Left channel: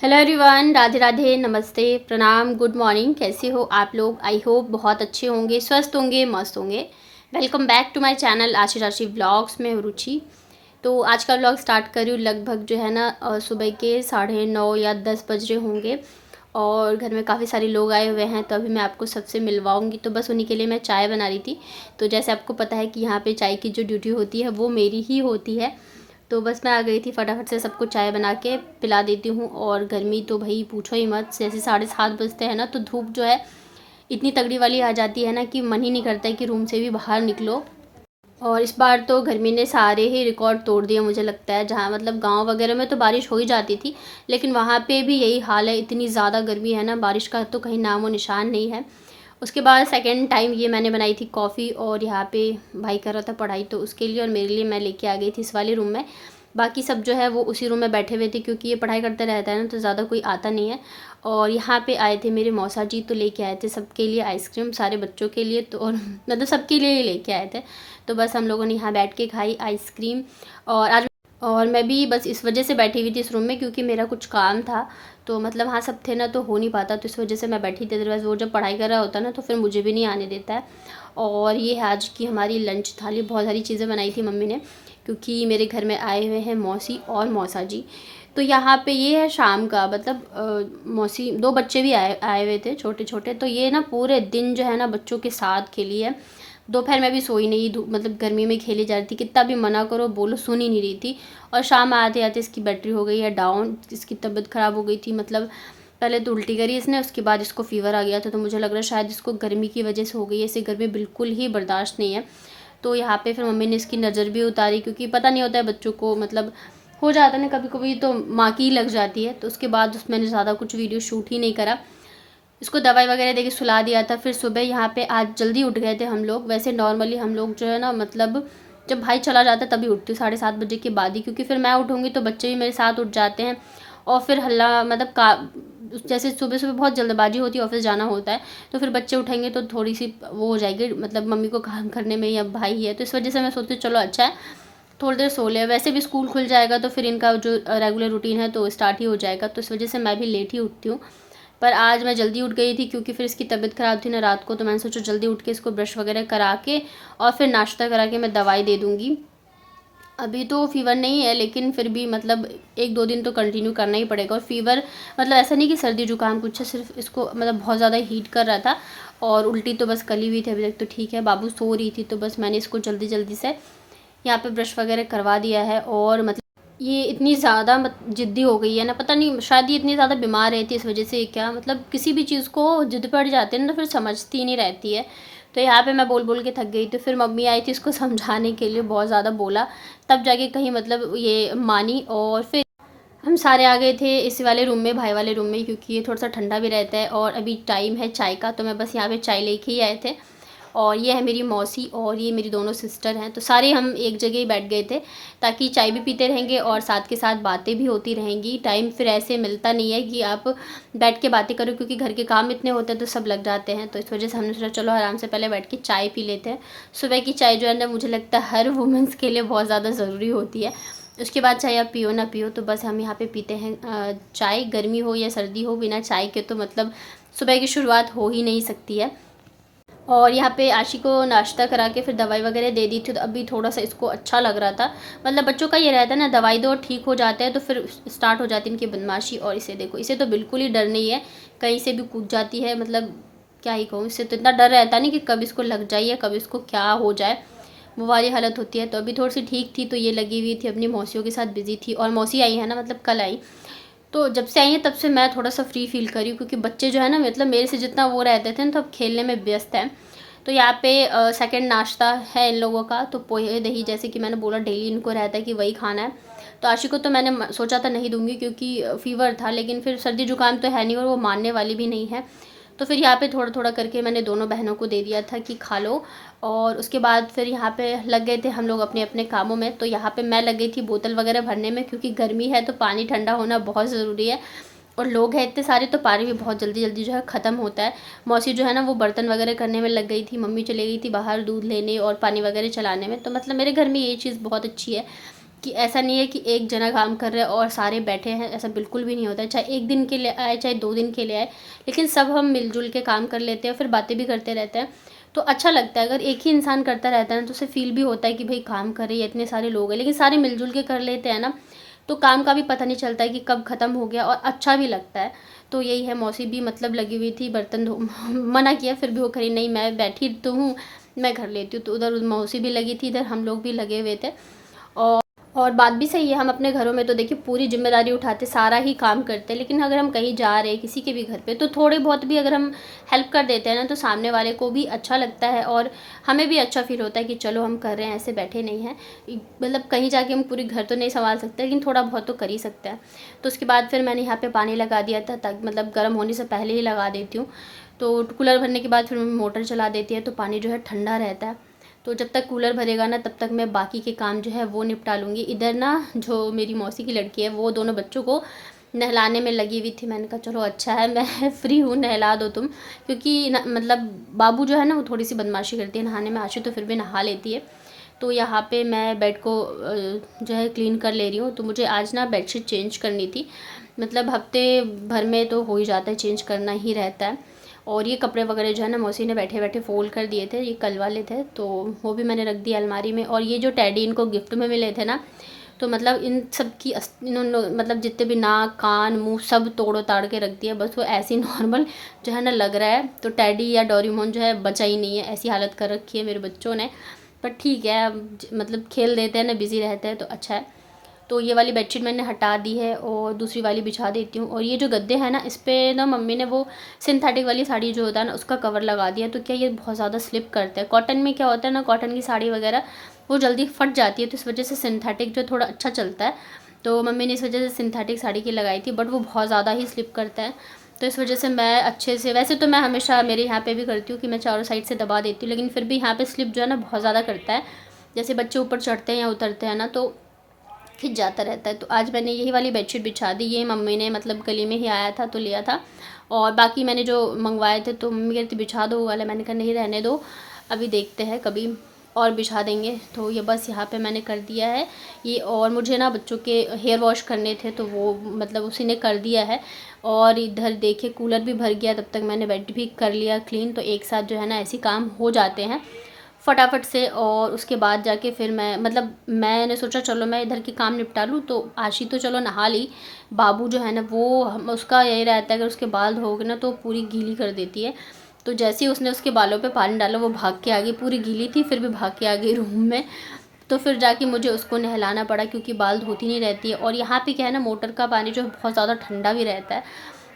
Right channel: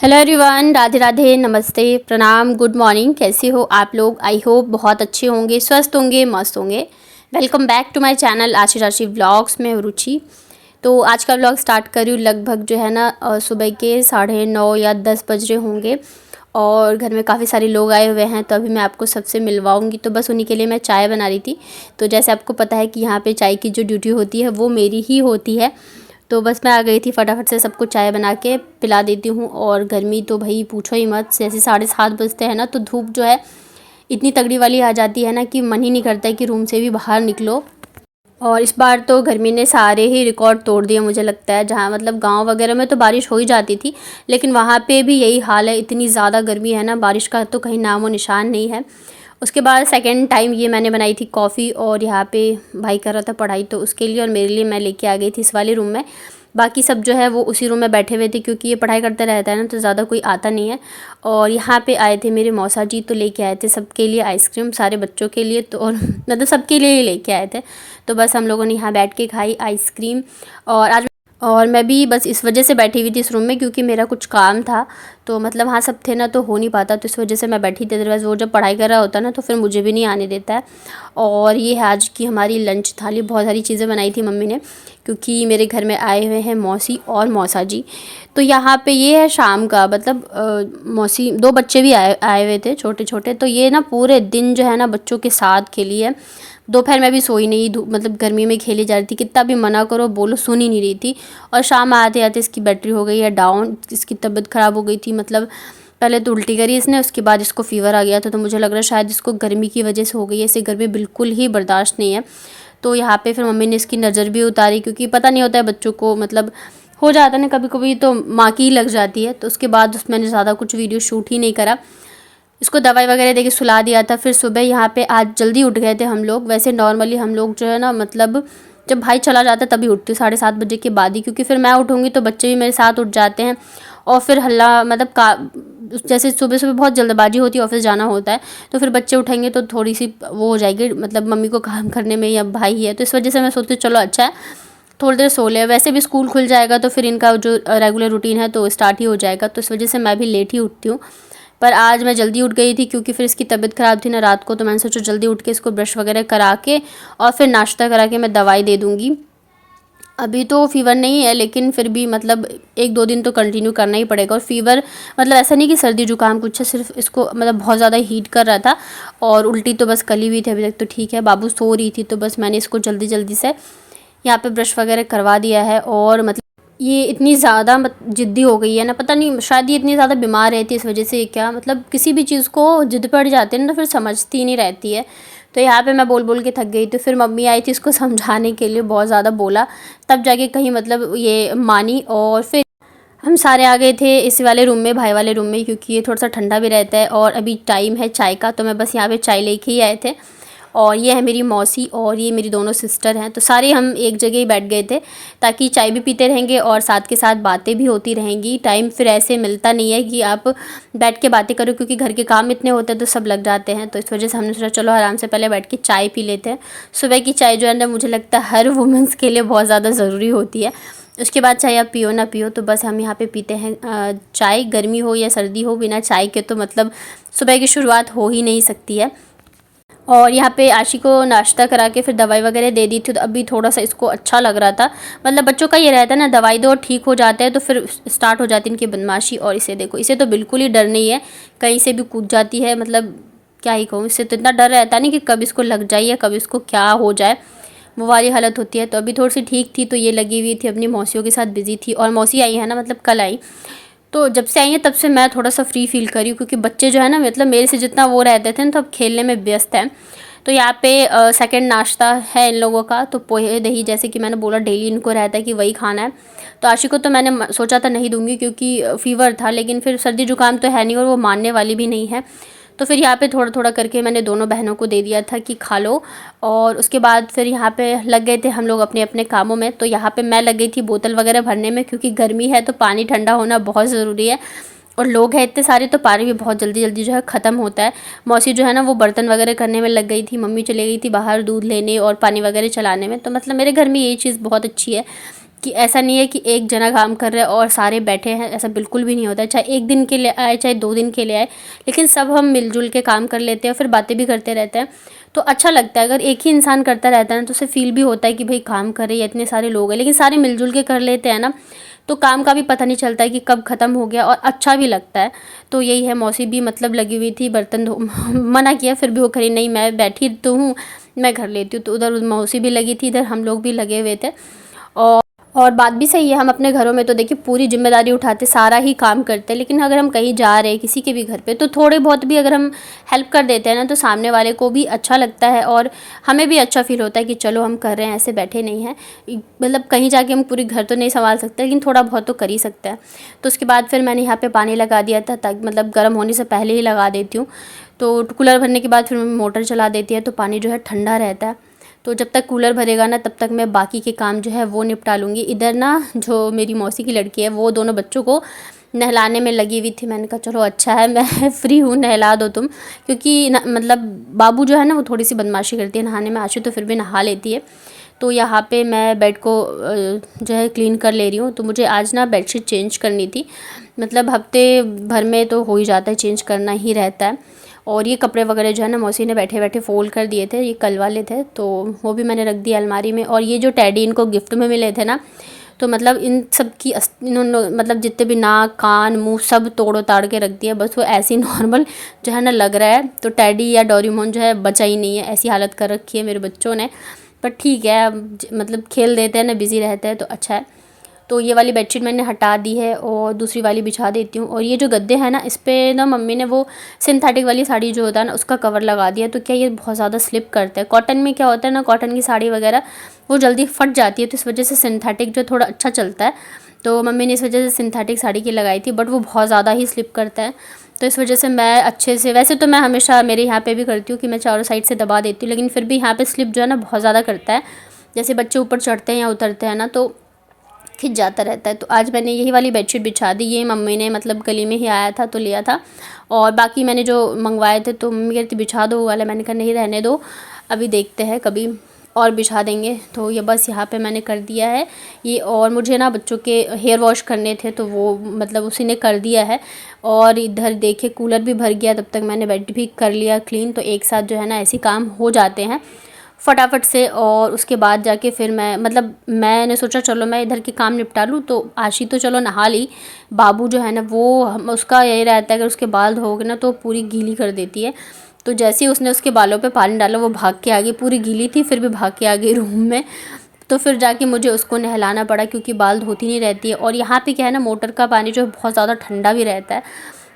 Hello everyone, Radhe Radhe, नमस्ते, प्रणाम, good morning. कैसे हो आप लोग? आई होप बहुत अच्छे होंगे, स्वस्थ होंगे, मस्त होंगे। Welcome back to my channel Aashi Rashi vlogs में रुचि। तो आज का व्लॉग स्टार्ट कर रही हूँ। लगभग जो है ना सुबह के 9:30 या 10 बज रहे होंगे और घर में काफ़ी सारे लोग आए हुए हैं। तो अभी मैं आपको सबसे मिलवाऊंगी, तो बस उन्हीं के लिए मैं चाय बना रही थी। तो जैसे आपको पता है कि यहाँ पे चाय की जो ड्यूटी होती है वो मेरी ही होती है। तो बस मैं आ गई थी, फटाफट से सबको चाय बना के पिला देती हूँ। और गर्मी तो भाई पूछो ही मत, जैसे 7:30 बजते हैं ना तो धूप जो है इतनी तगड़ी वाली आ जाती है ना कि मन ही नहीं करता है कि रूम से भी बाहर निकलो। और इस बार तो गर्मी ने सारे ही रिकॉर्ड तोड़ दिए मुझे लगता है। जहाँ मतलब गांव वगैरह में तो बारिश हो ही जाती थी, लेकिन वहाँ पे भी यही हाल है। इतनी ज़्यादा गर्मी है ना, बारिश का तो कहीं नामो निशान नहीं है। उसके बाद सेकंड टाइम ये मैंने बनाई थी कॉफ़ी, और यहाँ पे भाई कर रहा था पढ़ाई, तो उसके लिए और मेरे लिए मैं लेके आ गई थी इस वाले रूम में। बाकी सब जो है वो उसी रूम में बैठे हुए थे, क्योंकि ये पढ़ाई करते रहता है ना तो ज़्यादा कोई आता नहीं है। और यहाँ पे आए थे मेरे मौसा जी, तो लेके आए थे सबके लिए आइसक्रीम, सारे बच्चों के लिए तो, और मतलब सबके लिए ही लेके आए थे। तो बस हम लोगों ने यहाँ बैठ के खाई आइसक्रीम। और मैं भी बस इस वजह से बैठी हुई थी इस रूम में, क्योंकि मेरा कुछ काम था। तो मतलब वहाँ सब थे ना तो हो नहीं पाता, तो इस वजह से मैं बैठी थी। अदरवाइज़ वो जब पढ़ाई कर रहा होता ना तो फिर मुझे भी नहीं आने देता है। और ये है आज की हमारी लंच थाली। बहुत सारी चीज़ें बनाई थी मम्मी ने, क्योंकि मेरे घर में आए हुए हैं मौसी और मौसा जी। तो यहाँ पे ये है शाम का, मतलब मौसी, दो बच्चे भी आए आए हुए थे छोटे छोटे। तो ये ना पूरे दिन जो है ना बच्चों के साथ खेली है। दोपहर में भी सोई नहीं, मतलब गर्मी में खेली जा रही थी, कितना भी मना करो बोलो सुन ही नहीं रही थी। और शाम आते आते इसकी बैटरी हो गई है डाउन, इसकी तबीयत ख़राब हो गई थी। मतलब पहले तो उल्टी करी इसने, उसके बाद इसको फीवर आ गया था। तो मुझे लग रहा है शायद इसको गर्मी की वजह से हो गई है, इसे गर्मी बिल्कुल ही बर्दाश्त नहीं है। तो यहाँ पे फिर मम्मी ने इसकी नज़र भी उतारी, क्योंकि पता नहीं होता है बच्चों को, मतलब हो जाता है ना कभी कभी, तो माँ की ही लग जाती है। तो उसके बाद मैंने ज़्यादा कुछ वीडियो शूट ही नहीं करा। इसको दवाई वगैरह देके सुला दिया था। फिर सुबह यहाँ पे आज जल्दी उठ गए थे हम लोग। वैसे नॉर्मली हम लोग जो है ना, मतलब जब भाई चला जाता है तभी उठती हूँ, 7:30 बजे के बाद ही, क्योंकि फिर मैं उठूँगी तो बच्चे भी मेरे साथ उठ जाते हैं। और फिर हल्ला, मतलब का जैसे सुबह सुबह बहुत जल्दबाजी होती है, ऑफिस जाना होता है, तो फिर बच्चे उठेंगे तो थोड़ी सी वो हो जाएगी, मतलब मम्मी को काम करने में, या भाई है तो इस वजह से मैं सोचती हूँ चलो अच्छा है थोड़ी देर सो ले। वैसे भी स्कूल खुल जाएगा तो फिर इनका जो रेगुलर रूटीन है तो स्टार्ट ही हो जाएगा। तो इस वजह से मैं भी लेट ही उठती हूँ। पर आज मैं जल्दी उठ गई थी, क्योंकि फिर इसकी तबीयत ख़राब थी ना रात को। तो मैंने सोचा जल्दी उठ के इसको ब्रश वगैरह करा के और फिर नाश्ता करा के मैं दवाई दे दूँगी। अभी तो फ़ीवर नहीं है, लेकिन फिर भी मतलब 1-2 दिन तो कंटिन्यू करना ही पड़ेगा। और फ़ीवर मतलब ऐसा नहीं कि सर्दी जुकाम कुछ है, सिर्फ इसको मतलब बहुत ज़्यादा हीट कर रहा था। और उल्टी तो बस कल ही हुई थी, अभी तक तो ठीक है। बाबू सो रही थी तो बस मैंने इसको जल्दी जल्दी से यहाँ पे ब्रश वगैरह करवा दिया है। और मतलब ये इतनी ज़्यादा ज़िद्दी हो गई है ना, पता नहीं शायद ये इतनी ज़्यादा बीमार रहती है इस वजह से, क्या मतलब किसी भी चीज़ को ज़िद पड़ जाते हैं ना तो फिर समझती नहीं रहती है। तो यहाँ पे मैं बोल बोल के थक गई। तो फिर मम्मी आई थी इसको समझाने के लिए, बहुत ज़्यादा बोला, तब जाके कहीं मतलब ये मानी। और फिर हम सारे आ गए थे इस वाले रूम में, भाई वाले रूम में, क्योंकि ये थोड़ा सा ठंडा भी रहता है। और अभी टाइम है चाय का, तो मैं बस यहाँ पे चाय लेके ही आए थे। और ये है मेरी मौसी और ये मेरी दोनों सिस्टर हैं। तो सारे हम एक जगह ही बैठ गए थे, ताकि चाय भी पीते रहेंगे और साथ के साथ बातें भी होती रहेंगी। टाइम फिर ऐसे मिलता नहीं है कि आप बैठ के बातें करो, क्योंकि घर के काम इतने होते हैं तो सब लग जाते हैं। तो इस वजह से हमने सोचा चलो आराम से पहले बैठ के चाय पी लेते हैं। सुबह की चाय जो है ना, मुझे लगता है हर वुमेंस के लिए बहुत ज़्यादा ज़रूरी होती है। उसके बाद चाहे आप पियो ना पियो, तो बस हम यहाँ पे पीते हैं चाय। गर्मी हो या सर्दी हो, बिना चाय के तो मतलब सुबह की शुरुआत हो ही नहीं सकती है। और यहाँ पे आशी को नाश्ता करा के फिर दवाई वगैरह दे दी थी। तो अभी थोड़ा सा इसको अच्छा लग रहा था। मतलब बच्चों का ये रहता है ना, दवाई दो और ठीक हो जाते हैं, तो फिर स्टार्ट हो जाती है इनकी बदमाशी। और इसे देखो, इसे तो बिल्कुल ही डर नहीं है, कहीं से भी कूद जाती है। मतलब क्या ही कहूँ, इससे तो इतना डर रहता नहीं कि कब इसको लग जाए या कब इसको क्या हो जाए, वो वाली हालत होती है। तो अभी थोड़ी सी ठीक थी, तो ये लगी हुई थी अपनी मौसियों के साथ बिजी थी। और मौसी आई है ना, मतलब कल आई, तो जब से आई है तब से मैं थोड़ा सा फ्री फील करी हूँ, क्योंकि बच्चे जो है ना, मतलब मेरे से जितना वो रहते थे ना, तो अब खेलने में व्यस्त हैं। तो यहाँ पे सेकंड नाश्ता है इन लोगों का, तो पोहे दही, जैसे कि मैंने बोला डेली इनको रहता है कि वही खाना है। तो आशी को तो मैंने सोचा था नहीं दूंगी, क्योंकि फ़ीवर था, लेकिन फिर सर्दी जुकाम तो है नहीं और वो मानने वाली भी नहीं है। तो फिर यहाँ पे थोड़ा थोड़ा करके मैंने दोनों बहनों को दे दिया था कि खा लो। और उसके बाद फिर यहाँ पे लग गए थे हम लोग अपने अपने कामों में। तो यहाँ पे मैं लग गई थी बोतल वगैरह भरने में, क्योंकि गर्मी है तो पानी ठंडा होना बहुत ज़रूरी है। और लोग हैं इतने सारे, तो पानी भी बहुत जल्दी जल्दी जो है ख़त्म होता है। मौसी जो है ना वो बर्तन वगैरह करने में लग गई थी, मम्मी चली गई थी बाहर दूध लेने और पानी वगैरह चलाने में। तो मतलब मेरे घर में ये चीज़ बहुत अच्छी है कि ऐसा नहीं है कि एक जना काम कर रहा है और सारे बैठे हैं, ऐसा बिल्कुल भी नहीं होता है। चाहे एक दिन के लिए आए, चाहे 2 दिन के लिए आए, लेकिन सब हम मिलजुल के काम कर लेते हैं, फिर बातें भी करते रहते हैं, तो अच्छा लगता है। अगर एक ही इंसान करता रहता है ना, तो उसे फील भी होता है कि भाई काम कर रही है, इतने सारे लोग हैं, लेकिन सारे मिलजुल के कर लेते हैं ना, तो काम का भी पता नहीं चलता है कि कब ख़त्म हो गया, और अच्छा भी लगता है। तो यही है, मौसी भी मतलब लगी हुई थी बर्तन धो मना किया, फिर भी वो करी नहीं, मैं बैठी तो हूँ, मैं कर लेती हूँ। तो उधर मौसी भी लगी थी, इधर हम लोग भी लगे हुए थे। और बात भी सही है, हम अपने घरों में तो देखिए पूरी जिम्मेदारी उठाते, सारा ही काम करते हैं, लेकिन अगर हम कहीं जा रहे हैं किसी के भी घर पे, तो थोड़े बहुत भी अगर हम हेल्प कर देते हैं ना, तो सामने वाले को भी अच्छा लगता है और हमें भी अच्छा फील होता है कि चलो हम कर रहे हैं, ऐसे बैठे नहीं हैं। मतलब कहीं जाके हम पूरी घर तो नहीं संभाल सकते, लेकिन थोड़ा बहुत तो कर ही सकते हैं। तो उसके बाद फिर मैंने यहाँ पर पानी लगा दिया था, ताकि मतलब गर्म होने से पहले ही लगा देती हूँ। तो कूलर भरने के बाद फिर मम्मी मोटर चला देती है, तो पानी जो है ठंडा रहता है। तो जब तक कूलर भरेगा ना, तब तक मैं बाकी के काम जो है वो निपटा लूँगी। इधर ना जो मेरी मौसी की लड़की है, वो दोनों बच्चों को नहलाने में लगी हुई थी। मैंने कहा चलो अच्छा है, मैं फ्री हूँ, नहला दो तुम, क्योंकि मतलब बाबू जो है ना, वो थोड़ी सी बदमाशी करती है नहाने में। आशी तो फिर भी नहा लेती है। तो यहाँ पे मैं बेड को जो है क्लीन कर ले रही हूँ। तो मुझे आज ना बेडशीट चेंज करनी थी, मतलब हफ्ते भर में तो हो ही जाता है, चेंज करना ही रहता है। और ये कपड़े वगैरह जो है ना, मौसी ने बैठे बैठे फ़ोल्ड कर दिए थे, ये कल वाले थे, तो वो भी मैंने रख दिया अलमारी में। और ये जो टेडी इनको गिफ्ट में मिले थे ना, तो मतलब इन सब की इन्होंने मतलब जितने भी नाक कान मुंह सब तोड़ो ताड़ के रख दिया, बस वो ऐसे ही नॉर्मल जो है ना लग रहा है। तो टेडी या डोरेमोन जो है बचा ही नहीं है, ऐसी हालत कर रखी है मेरे बच्चों ने। पर ठीक है, अब मतलब खेल देते हैं ना, बिज़ी रहते हैं, तो अच्छा है। तो ये वाली बेडशीट मैंने हटा दी है और दूसरी वाली बिछा देती हूँ। और ये जो गद्दे हैं ना, इस पर ना मम्मी ने वो सिंथेटिक वाली साड़ी जो होता है ना, उसका कवर लगा दिया। तो क्या ये बहुत ज़्यादा स्लिप करता है। कॉटन में क्या होता है ना, कॉटन की साड़ी वगैरह वो जल्दी फट जाती है, तो इस वजह से सिंथेटिक जो थोड़ा अच्छा चलता है। तो मम्मी ने इस वजह से सिंथेटिक साड़ी की लगाई थी, बट वो बहुत ज़्यादा ही स्लिप करता है। तो इस वजह से मैं अच्छे से, वैसे तो मैं हमेशा मेरे यहाँ पे भी करती हूँ कि मैं चारों साइड से दबा देती हूँ, लेकिन फिर भी यहाँ पे स्लिप जो है ना बहुत ज़्यादा करता है। जैसे बच्चे ऊपर चढ़ते हैं या उतरते हैं ना, तो खिंच जाता रहता है। तो आज मैंने यही वाली बेडशीट बिछा दी। ये मम्मी ने मतलब गली में ही आया था तो लिया था, और बाकी मैंने जो मंगवाए थे, तो मम्मी कहती बिछा दो वो वाला, मैंने कहा नहीं रहने दो, अभी देखते हैं कभी और बिछा देंगे। तो ये बस यहाँ पे मैंने कर दिया है ये। और मुझे ना बच्चों के हेयर वॉश करने थे, तो वो मतलब उसी ने कर दिया है। और इधर देखिए कूलर भी भर गया, तब तक मैंने बेड भी कर लिया क्लीन। तो एक साथ जो है ना ऐसे काम हो जाते हैं फटाफट से। और उसके बाद जाके फिर मैंने सोचा चलो मैं इधर के काम निपटा लूँ। तो आशी तो चलो नहा ली, बाबू जो है ना वो उसका यही रहता है, अगर उसके बाल धोगे ना तो पूरी गीली कर देती है। तो जैसे ही उसने उसके बालों पे पानी डाला, वो भाग के आ गई, पूरी गीली थी फिर भी भाग के आ गई रूम में। तो फिर जाके मुझे उसको नहलाना पड़ा, क्योंकि बाल धोती नहीं रहती है। और यहाँ पे क्या है ना, मोटर का पानी जो है बहुत ज़्यादा ठंडा भी रहता है।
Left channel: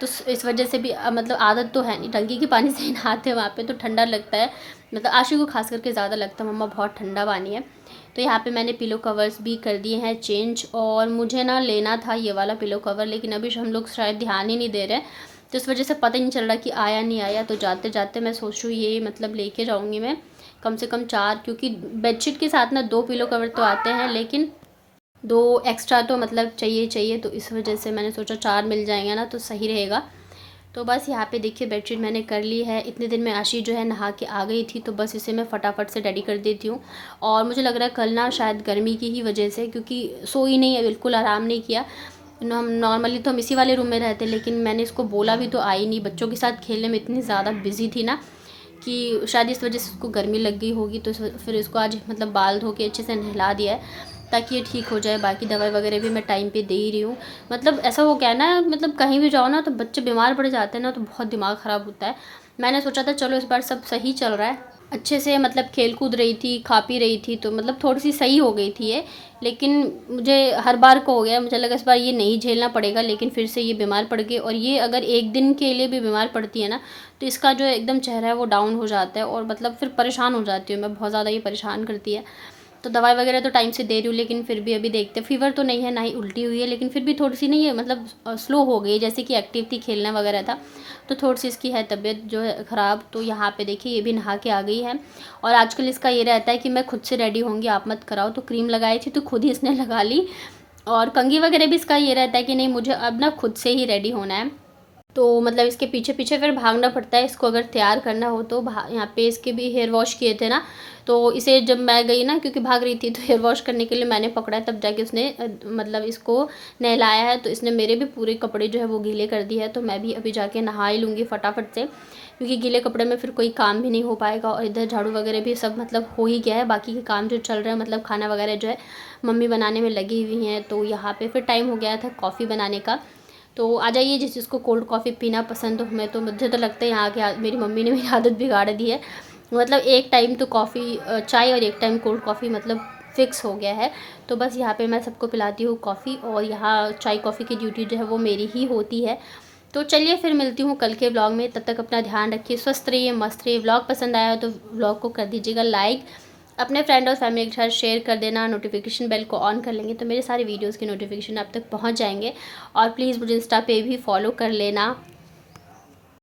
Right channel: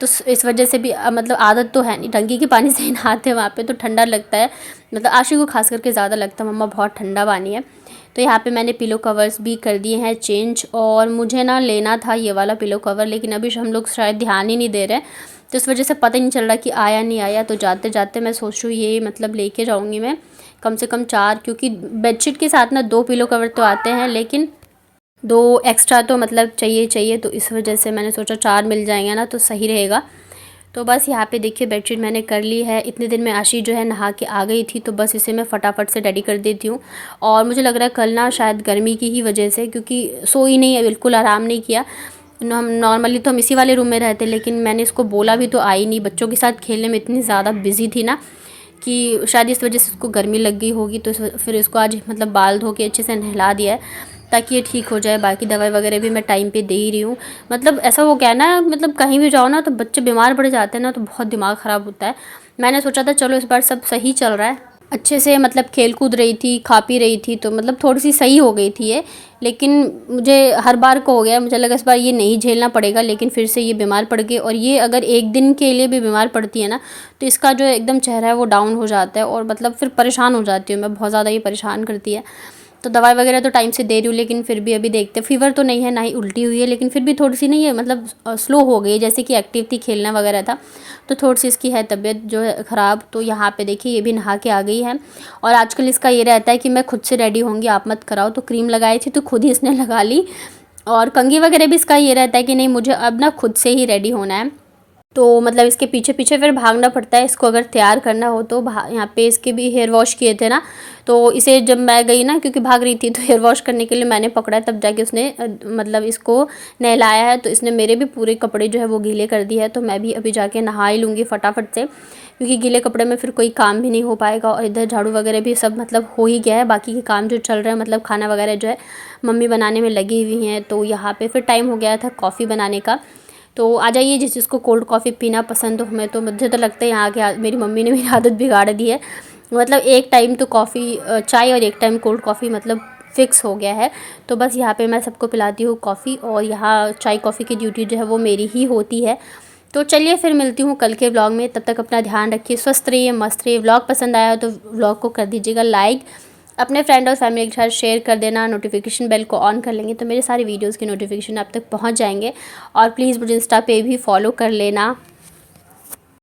तो इस वजह से भी मतलब आदत तो है नहीं, टंकी के पानी से ही नहाते हैं वहाँ पे, तो ठंडा लगता है। मतलब आशी को खास करके ज़्यादा लगता है, मम्मा बहुत ठंडा पानी है। तो यहाँ पे मैंने पिलो कवर्स भी कर दिए हैं चेंज। और मुझे ना लेना था ये वाला पिलो कवर, लेकिन अभी हम लोग शायद ध्यान ही नहीं दे रहे, तो इस वजह से पता ही नहीं चल रहा कि आया नहीं आया। तो जाते जाते मैं सोच रही हूँ ये मतलब लेके जाऊँगी मैं कम से कम 4, क्योंकि बेडशीट के साथ ना 2 पिलो कवर तो आते हैं, लेकिन 2 एक्स्ट्रा तो मतलब चाहिए चाहिए। तो इस वजह से मैंने सोचा 4 मिल जाएंगे ना तो सही रहेगा। तो बस यहाँ पे देखिए बेडशीट मैंने कर ली है। इतने दिन में आशी जो है नहा के आ गई थी, तो बस इसे मैं फटाफट से रेडी कर देती हूँ। और मुझे लग रहा है कल ना शायद गर्मी की ही वजह से, क्योंकि सोई नहीं है, बिल्कुल आराम नहीं किया। हम नॉर्मली तो हम इसी वाले रूम में रहते, लेकिन मैंने इसको बोला भी तो आई नहीं, बच्चों के साथ खेलने में इतनी ज़्यादा बिजी थी ना कि शायद इस वजह से उसको गर्मी लग गई होगी। तो फिर इसको आज मतलब बाल धो के अच्छे से नहला दिया है, ताकि ये ठीक हो जाए। बाकी दवाई वगैरह भी मैं टाइम पे दे ही रही हूँ। मतलब ऐसा हो गया ना, मतलब कहीं भी जाओ ना तो बच्चे बीमार पड़ जाते हैं ना, तो बहुत दिमाग ख़राब होता है। मैंने सोचा था चलो इस बार सब सही चल रहा है, अच्छे से मतलब खेल कूद रही थी, खा पी रही थी, तो मतलब थोड़ी सी सही हो गई थी ये। लेकिन मुझे हर बार को हो गया, मुझे लगा इस बार ये नहीं झेलना पड़ेगा, लेकिन फिर से ये बीमार पड़ गई। और ये अगर एक दिन के लिए भी बीमार पड़ती है ना, तो इसका जो एकदम चेहरा है वो डाउन हो जाता है, और मतलब फिर परेशान हो जाती हूँ मैं, बहुत ज़्यादा ये परेशान करती है। तो दवाई वगैरह तो टाइम से दे रही हूँ, लेकिन फिर भी अभी देखते हैं। फ़ीवर तो नहीं है, ना ही उल्टी हुई है, लेकिन फिर भी थोड़ी सी नहीं है मतलब स्लो हो गई है, जैसे कि एक्टिव थी, खेलना वगैरह था, तो थोड़ी सी इसकी है तबीयत जो है ख़राब। तो यहाँ पे देखिए ये भी नहा के आ गई है। और आजकल इसका ये रहता है कि मैं खुद से रेडी होंगी, आप मत कराओ। तो क्रीम लगाई थी तो खुद ही इसने लगा ली। और कंघी वगैरह भी इसका ये रहता है कि नहीं मुझे अब ना खुद से ही रेडी होना है। तो मतलब इसके पीछे पीछे फिर भागना पड़ता है इसको अगर तैयार करना हो तो। यहाँ पे इसके भी हेयर वॉश किए थे ना, तो इसे जब मैं गई ना, क्योंकि भाग रही थी, तो हेयर वॉश करने के लिए मैंने पकड़ा, तब जाके उसने मतलब इसको नहलाया है। तो इसने मेरे भी पूरे कपड़े जो है वो गीले कर दिए है। तो मैं भी अभी जाके नहा ही लूँगी फटाफट से, क्योंकि गीले कपड़े में फिर कोई काम भी नहीं हो पाएगा। और इधर झाड़ू वगैरह भी सब मतलब हो ही गया है, बाकी के काम जो चल रहे हैं मतलब खाना वगैरह जो है मम्मी बनाने में लगी हुई हैं। तो यहाँ पे फिर टाइम हो गया था कॉफ़ी बनाने का। तो आ जाइए, जिस जिसको कोल्ड कॉफ़ी पीना पसंद हो। मैं तो, मुझे तो लगता है यहाँ के मेरी मम्मी ने मेरी आदत बिगाड़ दी है। मतलब एक टाइम तो कॉफ़ी चाय और एक टाइम कोल्ड कॉफ़ी मतलब फ़िक्स हो गया है। तो बस यहाँ पे मैं सबको पिलाती हूँ कॉफ़ी, और यहाँ चाय कॉफ़ी की ड्यूटी जो है वो मेरी ही होती है। तो चलिए फिर मिलती हूँ कल के व्लॉग में। तब तक अपना ध्यान रखिए, स्वस्थ रहिए, मस्त रहिए। व्लॉग पसंद आया तो व्लॉग को कर दीजिएगा लाइक, अपने फ्रेंड और फैमिली के साथ शेयर कर देना। नोटिफिकेशन बेल को ऑन कर लेंगे तो मेरे सारी वीडियोस के नोटिफिकेशन आप तक पहुंच जाएंगे। और प्लीज़ मुझे इंस्टा पे भी फॉलो कर लेना।